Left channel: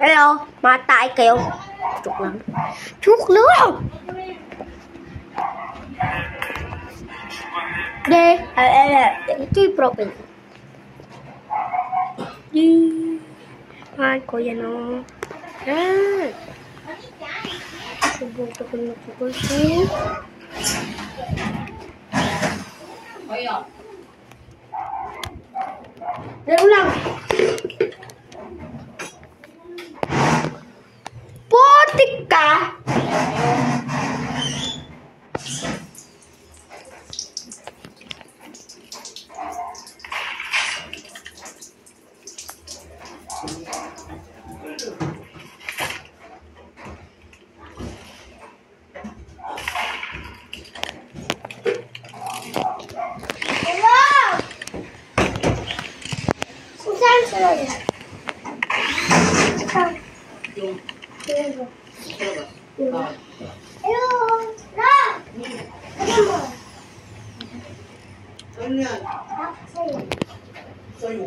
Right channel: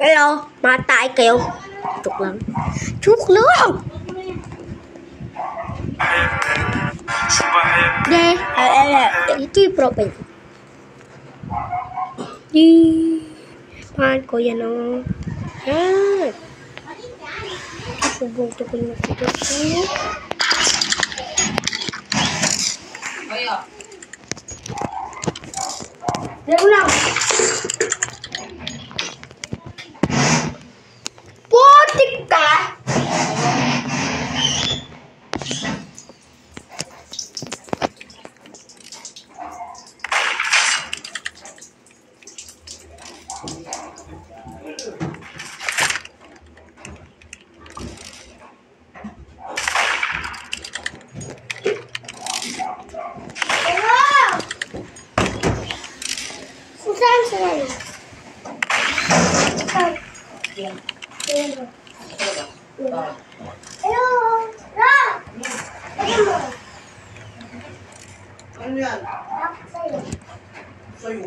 Hello, matay kayo. Joke lang. Joke lang! Ito yung profile ko. Mahal ko yan o. Yan. Subuto ko na ito. Laro lang. Putik ka! Ano yan? Sa'yo.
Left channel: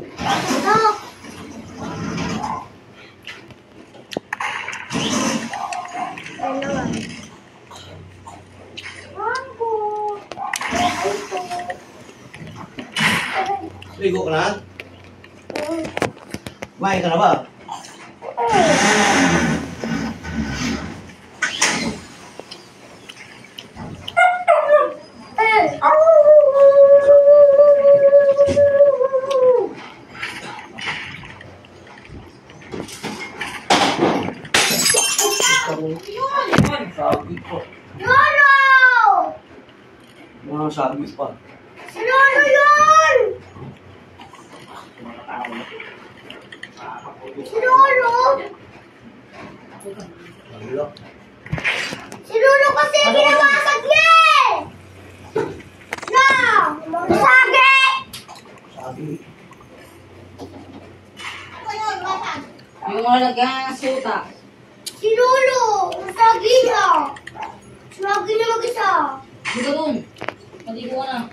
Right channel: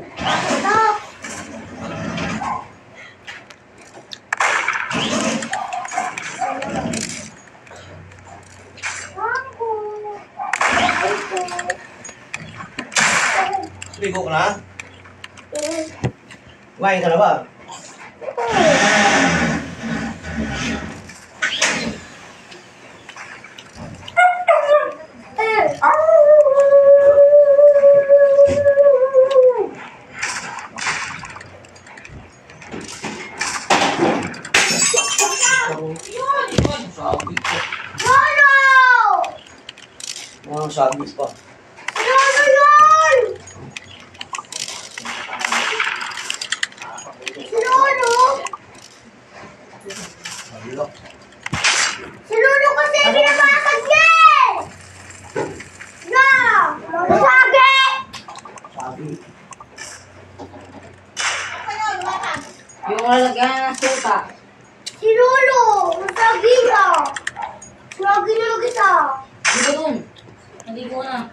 Ligo ka na? Kumain ka na ba? Sabi ko. Lolo! Mga sabi pa. Lolo yun! Si Lolo! Hello. Si Lolo kasi pinapasag niya eh! No! Masagi! Sabi. Yung lalagyan ng suta. Si Lolo! Masagi ka! Masagi na mag-isa! Dito dun. Naligo na.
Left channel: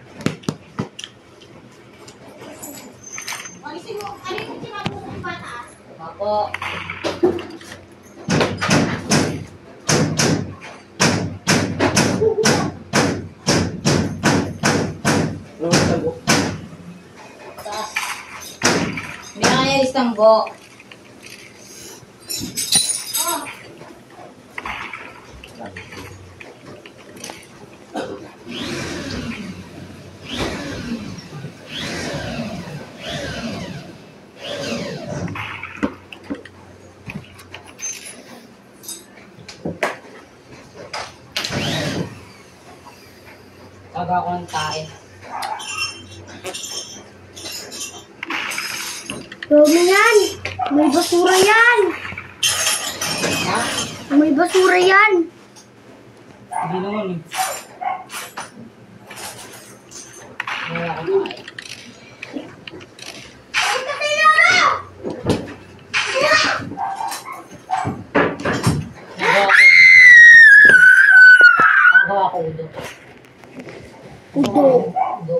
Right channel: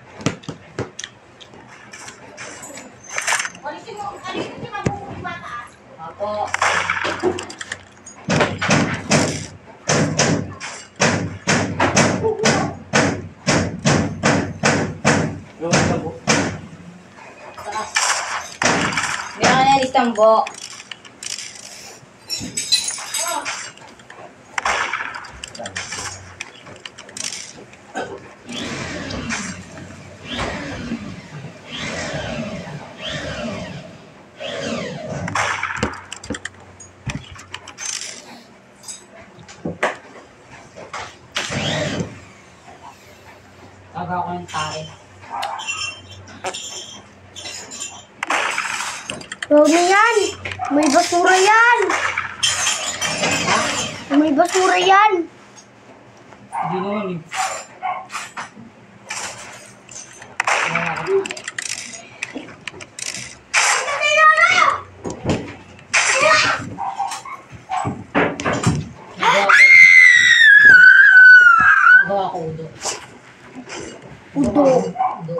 Apo. Ano ang sabo? Taas. May nakayalis ng bo. Taga ko ng tae. Huwag na yan! May basura yan! Ha? May basura yan! Hindi naman eh. Wala ko tae. Nagawa ko udo. Udo. Udo.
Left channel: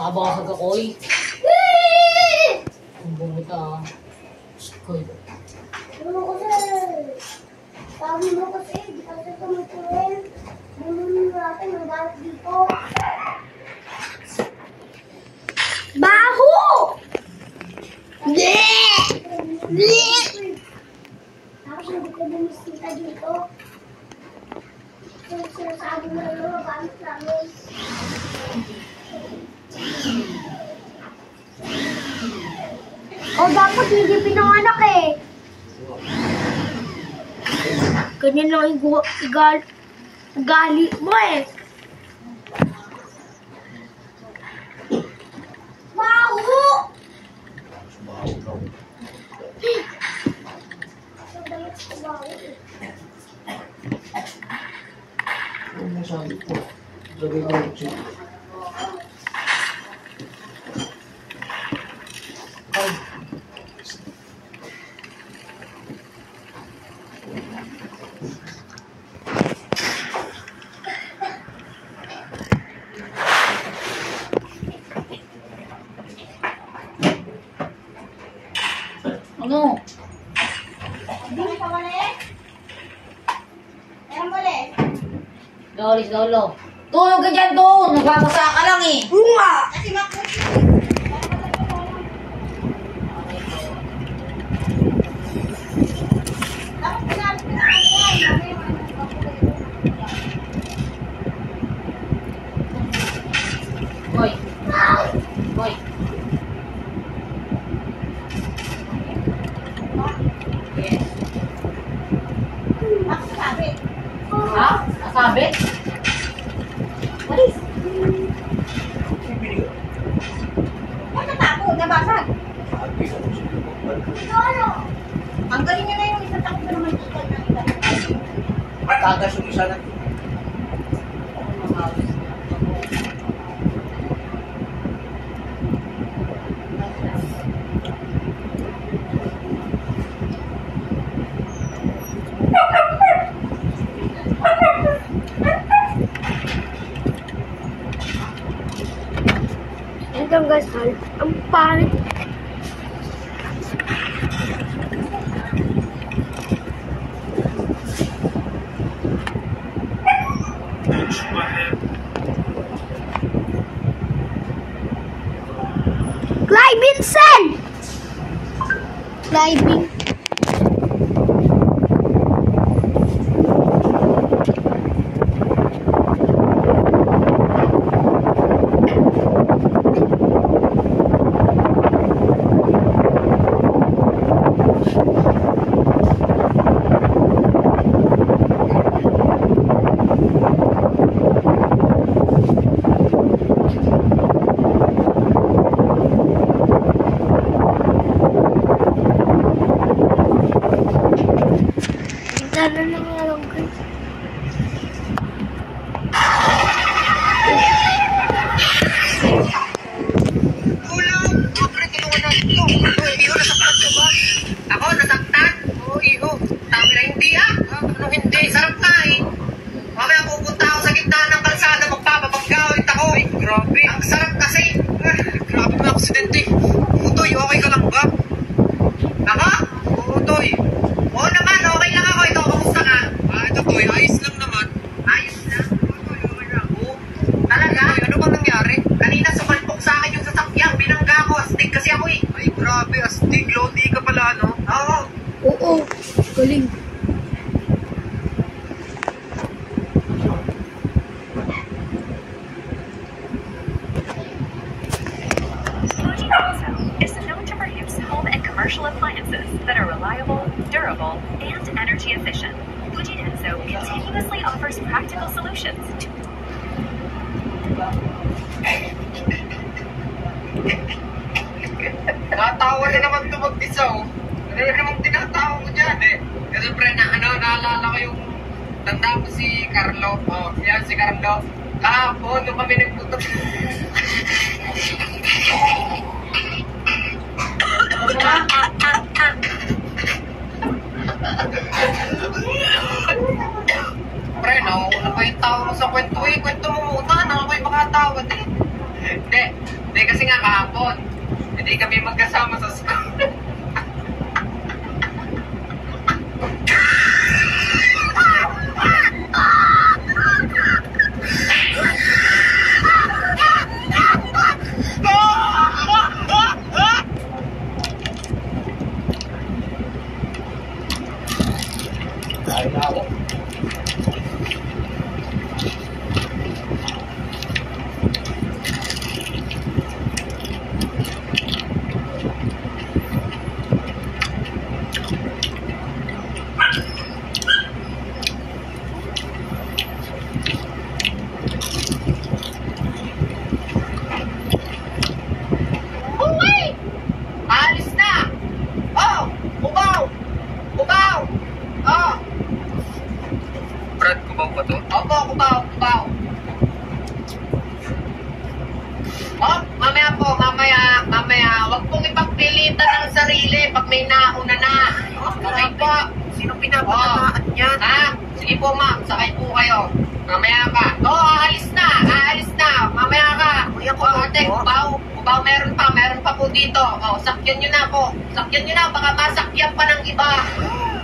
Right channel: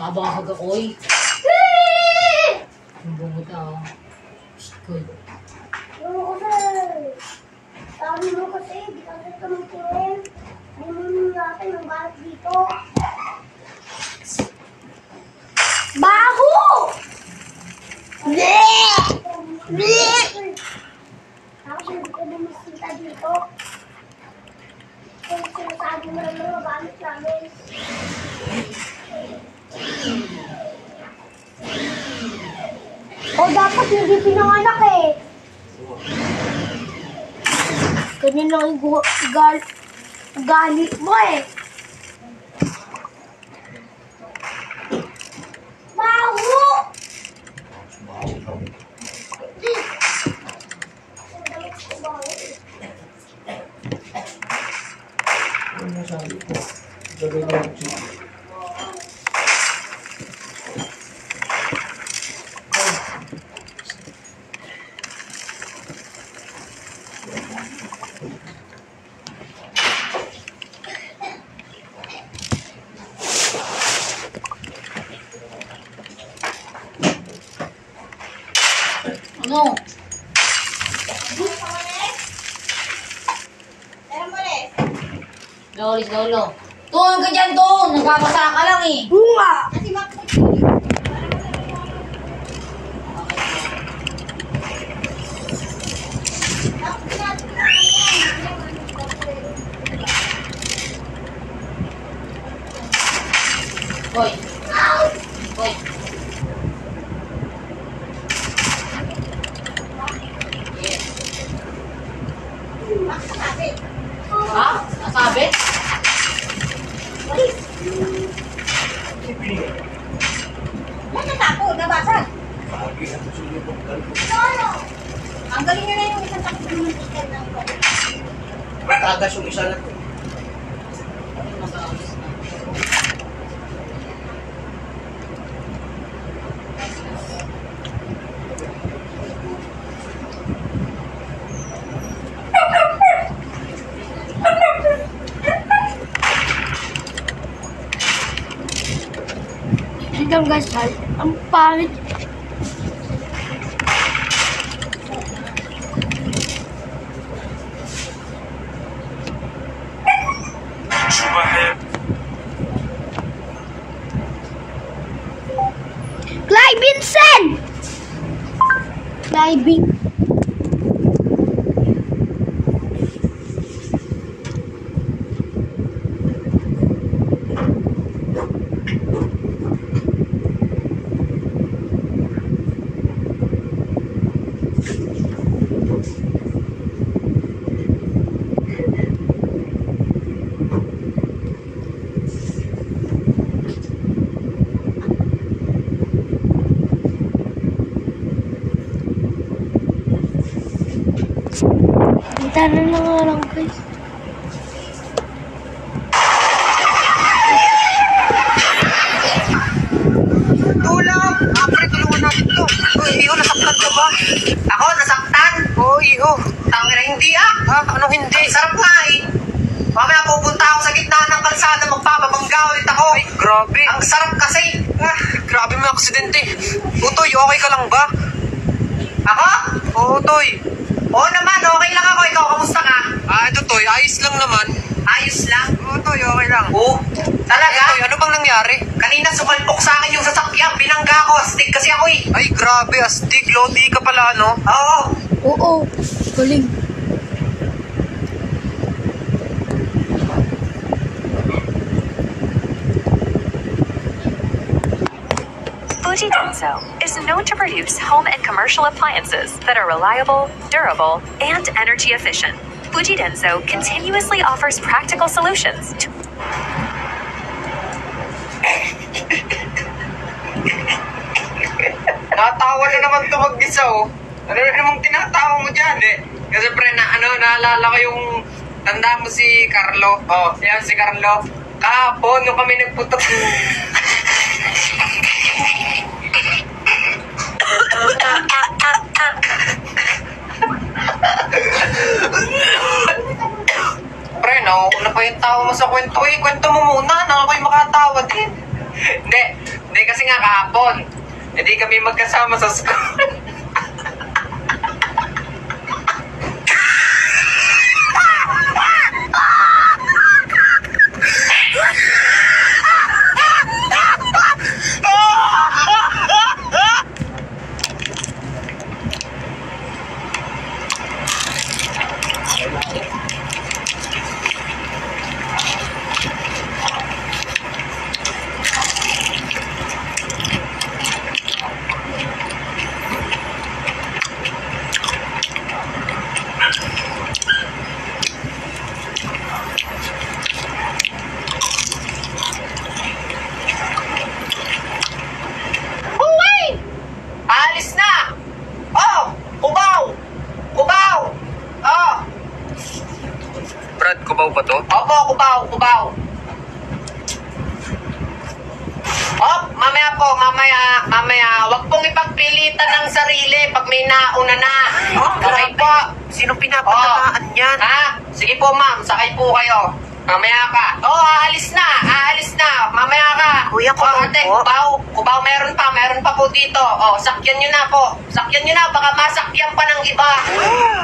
Habang ka sa gakoy. Ang bungot ah. Koy. Lolo kasi! Sabi mo kasi, di kasi tumutulin. Bununin natin ang balat dito. Baho! Bleh! Bleh! Tapos hindi ko bumisita dito. Kung sinasabi mo lang mga balat namin. O dapat hindi pinanganak eh. Ganyan lang yung gali mo eh. Baho! Baho daw. Ang damit ko baho eh. Ano ang sabi ko? Lagay ko ng chicken. Sino? Lolis, lolo. Tulog ka dyan doon. Nagbabasa ka lang eh. Bunga! Boy. Boy. Yes. Ha? Nasabi? Nabasa. Pagi sa susunod. Ang galing nyo na yung isang takot na naman ikan ng ikan. Matagas yung isa na to. Ako masabi. Ito guys, ang pangit. Clyde Vincent! Diving. Tara na nga lang guys. Tulong! Apre, tulungan natin to. Uy, Iho, nasaktan ka ba? Ako, nasaktan? Oo, Iho. Tangina, hindi ah. Ha? Anong hindi? Sarap nga eh. Mamaya pupunta ako sa gitna ng kalsada, magpapabangga ulit ako. Ay, grabe. Ang sarap kasi. Grabe mga aksidente. Utoy, okay ka lang ba? Ako? Oo, Toy. Oo naman, okay lang ako. Ikaw, kamusta ka? Ito, Toy, ayos lang naman. Ayos lang? Oo, Toy, okay lang. Oo? Talaga? Toy, ano bang nangyari? Kanina sumalpok sa akin yung sasakyan. Binangga ko. Astig kasi ako eh. Ay, grabe. Astig. Lodi ka pala, ano? Oo. Oo, galing. Fuji Denso is known to produce home and commercial appliances that are reliable, durable, and energy efficient. Fuji Denso continuously offers practical solutions to Natawa na naman ito mag-isa, oh. Ano na namang tinatawa mo dyan, eh? Kasi pre, naalala ko yung tanda mo si Carlo. Oh, yan si Carlo. Kahapon, nung kami nagputok. Pre, nauna pa yung tawa mo sa kwento. Uy, kwento mo muna. Naka kayo makatawa din. Hindi kasi nga kahapon. Hindi kami magkasama sa school. Alis na! Oh! Kubaw! Kubaw! Oh! Brad, kubaw ba to? Opo, kubaw, kubaw. Oh, mamaya po, mamaya. Huwag pong ipagpilitan ng sarili pag may nauna na. Okay po. Sino pinapatamaan yan? Ha? Sige po ma'am, sakay po kayo. Mamaya ka. Oo, aalis na. Aalis na. Mamaya ka. Kuya, ate, kubaw. Meron pa po dito. Sakyan nyo na po. Sakyan nyo na. Baka masakyan pa ng iba.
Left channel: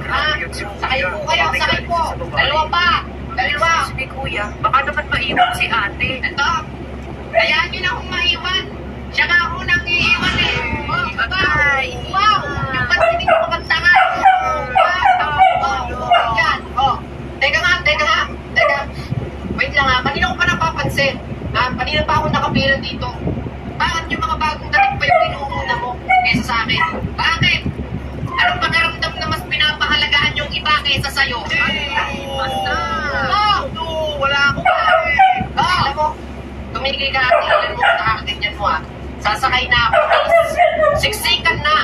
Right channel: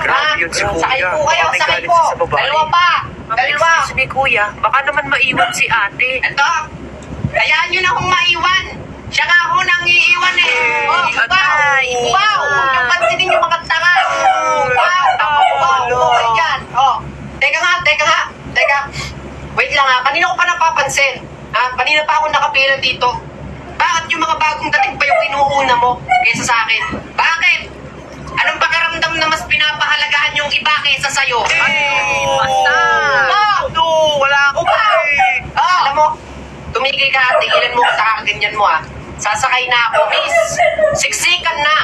Grabe yun si Kuya. Sakay po kayo. Ate, Sakay galing po. siya sa babae. Dalawa pa. Dalawa. Excuse me, Kuya. Baka naman maiwan si ate. Ito. Hayaan nyo na kung maiwan. Siya nga ako nang iiwan eh. Atay. Kubaw. Yung pansinin yung mga tanga. Yan. Teka. Wait lang ha. Kanina ko pa napapansin. Kanina pa ako nakapila dito. Bakit yung mga bagong dating pa yung inuuna mo kaysa sa akin? Bakit? Anong pagkaramdam na mas pinapahalagahan yung iba kaysa sa'yo? Basta. Wala ako pa eh. Alam mo, tumigil ka at tigilan mo sa ganyan mo ha. Sasakay na ako, please. Siksikan na.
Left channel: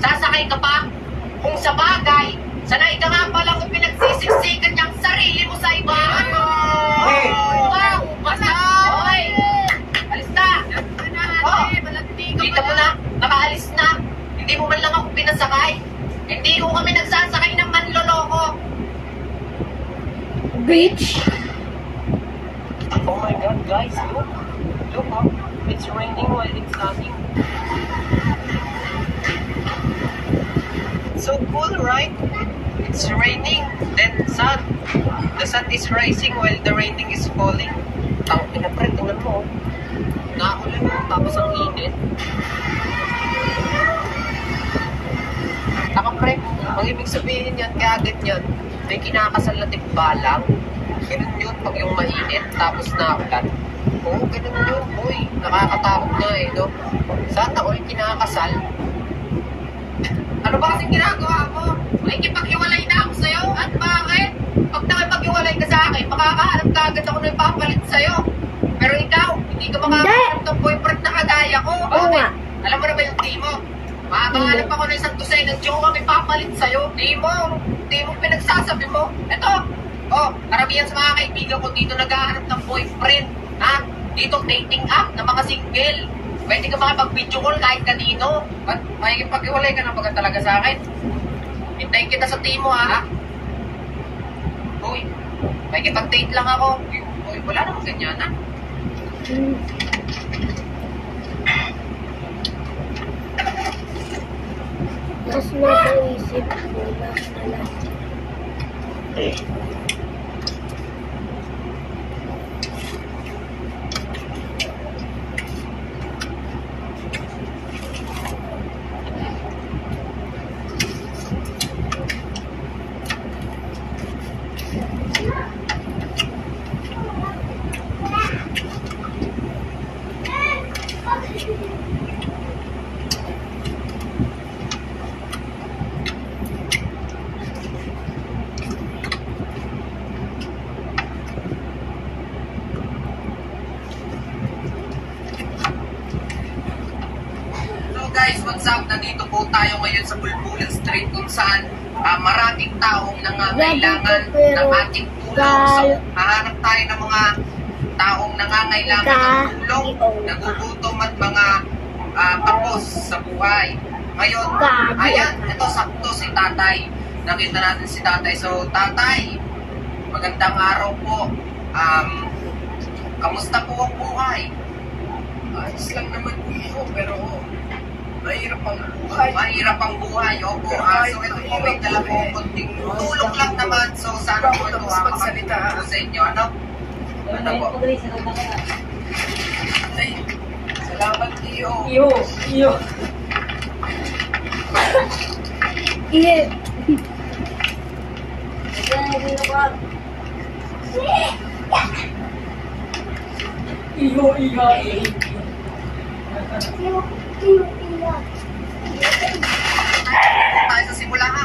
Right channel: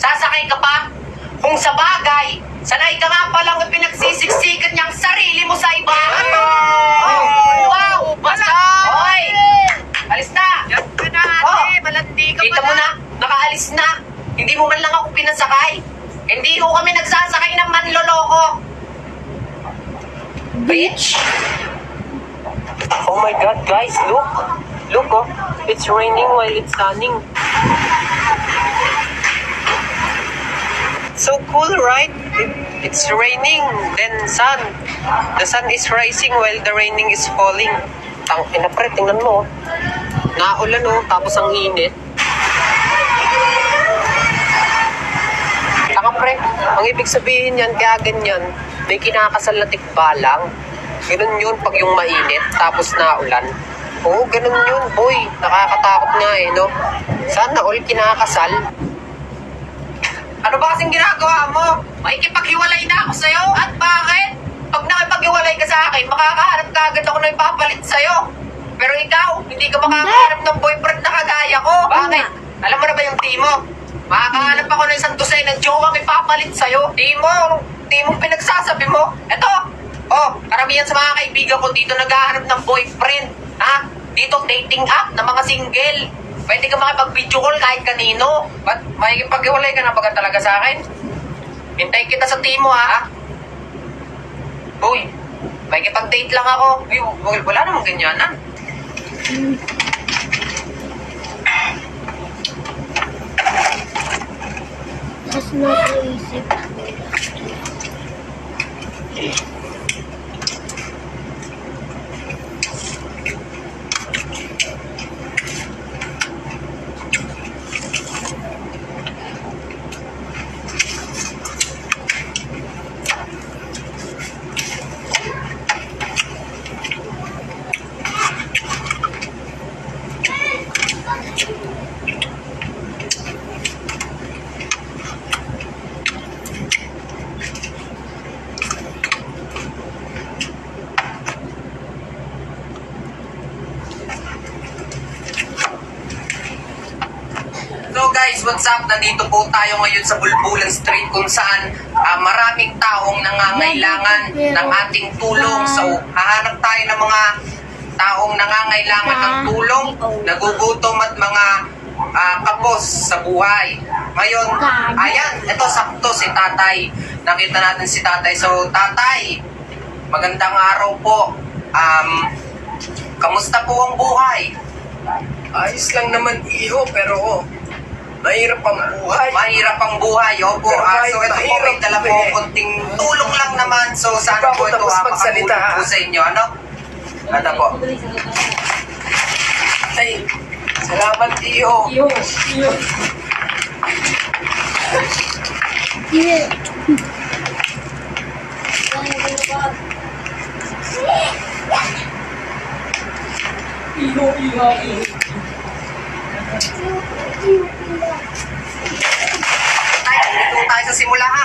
Sasakay ka pa? Kung sa bagay, sanay ka nga palang pinagsisiksikan niyang sarili mo sa iba. Wow! Basta! Hoy! Alis na! Yan ka na ate. Malandi ka Dito mo na, nakaalis na. Hindi mo man lang ako pinasakay. Hindi ko kami nagsasakay ng manloloko. Bitch! Oh my God, guys, look. Look, oh. It's raining while it's sunning. So cool, right? It's raining, then sun. The sun is rising while the raining is falling. Tangina pre, tingnan mo. Naulan oh, tapos ang init. Taka pre, ang ibig sabihin yan, kaya ganyan, may kinakasal na tikbalang. Ganun yun pag yung mainit, tapos naulan. Oo, ganun yun, boy. Nakakatakot nga eh, no? Sana all kinakasal. Ano ba kasing ginagawa mo? Makikipaghiwalay na ako sa'yo? At bakit? Pag nakipaghiwalay ka sa akin, makakahanap ka agad ako na ipapalit sa'yo. Pero ikaw, hindi ka makakahanap ng boyfriend na kagaya ko. Bakit? Alam mo na ba yung team mo? Makakahanap ako ng isang dosenang jowa may papalit sa'yo. Di mo pinagsasabi mo. Eto, karamihan sa mga kaibigan ko dito naghahanap ng boyfriend. Dito dating app na mga single. Pwede ka makipag-video call kahit kanino. Ba't makikipag-iwalay ka na baga talaga sa akin? Hintayin kita sa team mo, ha? Boy, makikipag-date lang ako. Wala namang ganyan, ha? Mas napaisip ko na. So guys, what's up? Nandito po tayo ngayon sa Bulbulan Street kung saan maraming taong nangangailangan ng ating tulong. So hahanap tayo ng mga taong nangangailangan ng tulong, nagugutom at mga kapos sa buhay. Ngayon, ayan, ito sakto si Tatay. Nakita natin si Tatay. So Tatay, magandang araw po. Kamusta po ang buhay? Ayos lang naman iyo, pero mahirap ang buhay. Mahirap ang buhay, opo. So ito po, may dala po konting tulong lang naman. So sana po ito makakatulong po sa inyo, ano? Ano po? Ay, salamat iyo. Iyo. Yeah. Iyo. Tayo sa simula ha.